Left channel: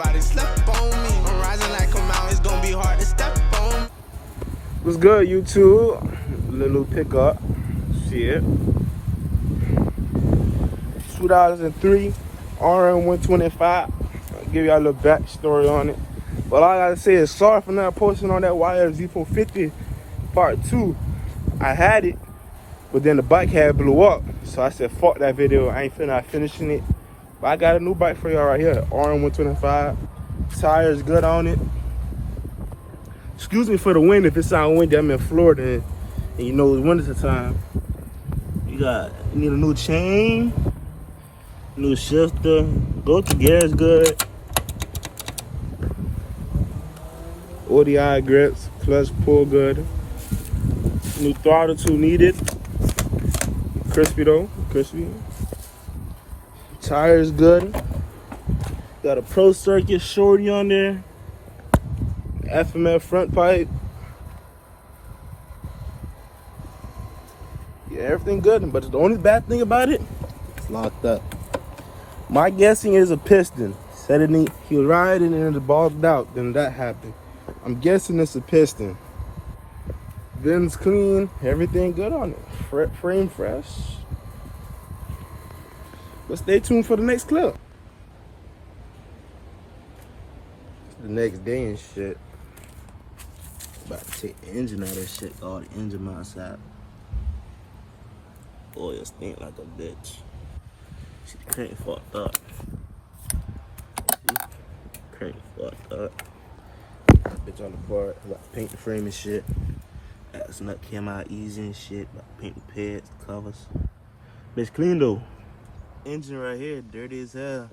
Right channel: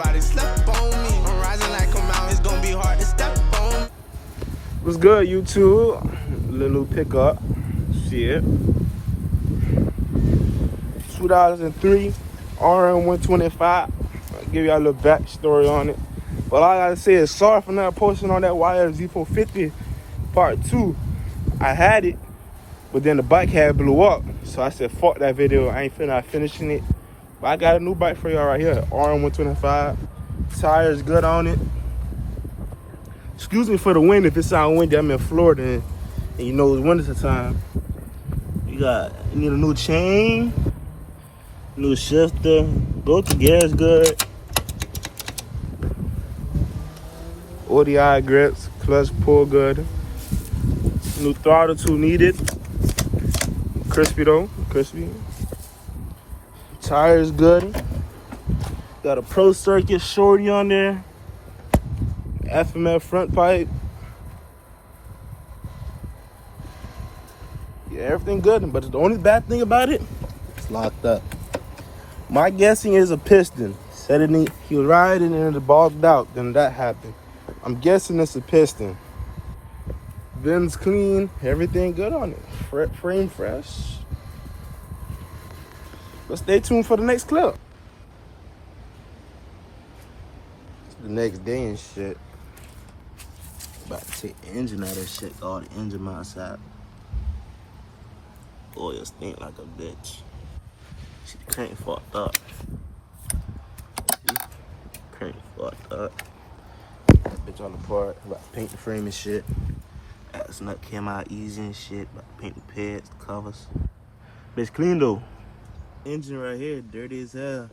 Everybody slept on me. I'm rising like a mountain, it's gonna be hard to step on. What's good, YouTube? Little pickup. Shit. 2003 RM125. I'll give y'all a little backstory on it. But all I gotta say is sorry for not posting on that YFZ450 part 2. I had it, but then the bike had blew up. So I said, fuck that video. I ain't finishing it. But I got a new bike for y'all right here. RM125. Tires good on it. Excuse me for the wind if it sounds windy. I'm in Florida and you know it's winter time. You need a new chain, new shifter. Go to gears good. ODI grips, clutch pull good. New throttle tool needed. Crispy though, crispy. Tires good. Got a Pro Circuit shorty on there. FMF front pipe. Yeah, everything good, but the only bad thing about it, it's locked up. My guessing is a piston. Said it he was riding and it balled out, then that happened. I'm guessing it's a piston. VIN's clean, everything good on it. Frame fresh. But stay tuned for the next clip. It's the next day and shit. About to take the engine out of this shit, all the engine outside. Oil stink like a bitch. See, the crank fucked up. See? Crank fucked up. That bitch on the part. About to paint the frame and shit. That nut came out easy and shit. About to paint the pads, the covers. Bitch clean though. Engine right here, dirty as hell.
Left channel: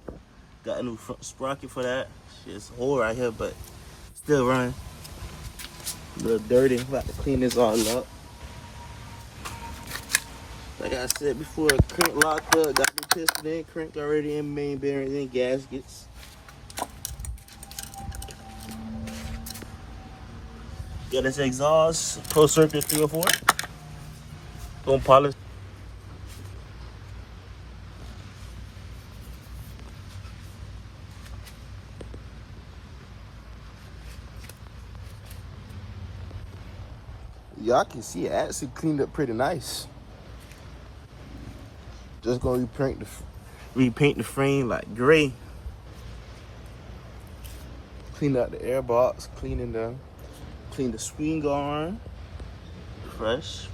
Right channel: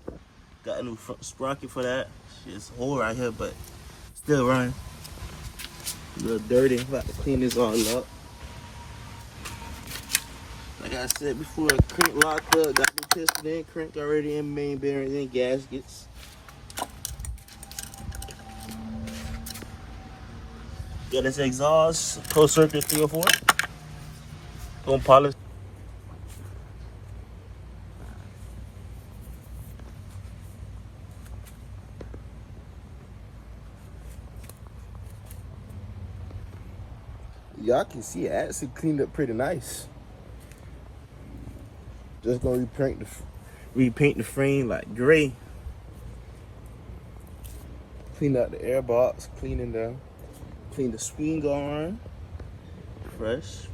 Got a new front sprocket for that. It's a hole right here, but still running. A little dirty. About to clean this all up. Like I said before, crank locked up, got the piston in, crank already in, main bearings and gaskets. Got this exhaust, Pro Circuit 304. Don't polish. Y'all can see it actually cleaned up pretty nice. Just gonna repaint the frame like gray. Clean out the air box, clean the swing arm. Fresh.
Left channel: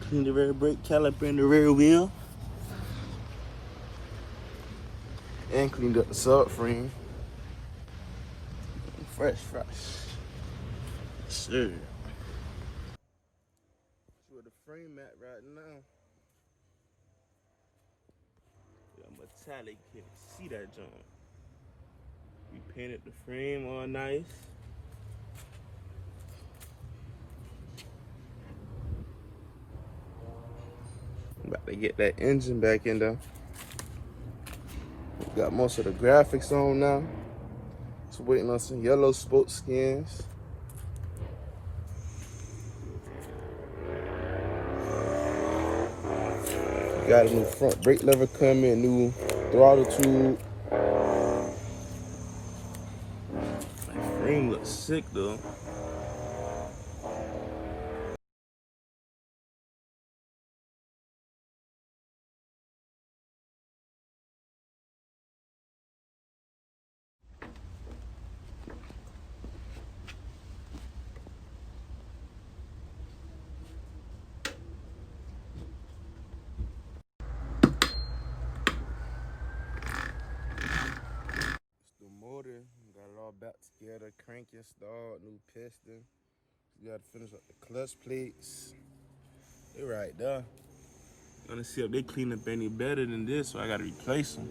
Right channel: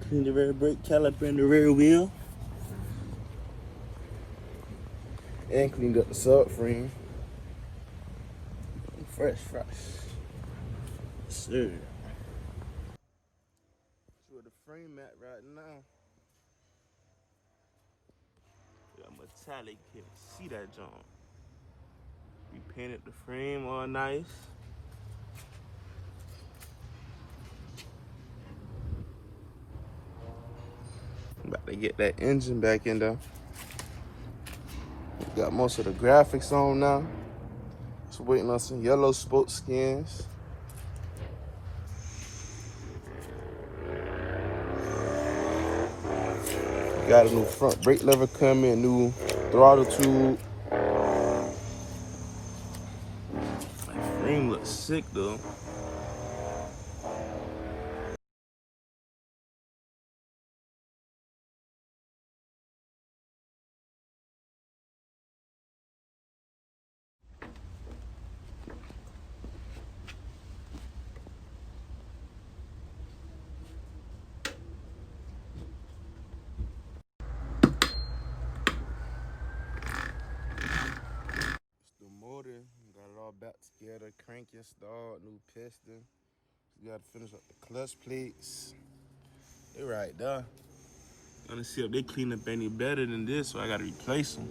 Clean the rear brake caliper and the rear wheel. And cleaned up the subframe. Fresh. Sir. That's where the frame at right now. Got metallic, you can't see that junk. We painted the frame all nice. About to get that engine back in there. Got most of the graphics on now. Just waiting on some yellow spoke skins. Got a new front brake lever coming, new throttle tube. That frame looks sick though. Got it all back together, crank installed, new piston. Got to finish up the clutch plates. They right there. Gotta see if they clean up any better than this, so I gotta replace them.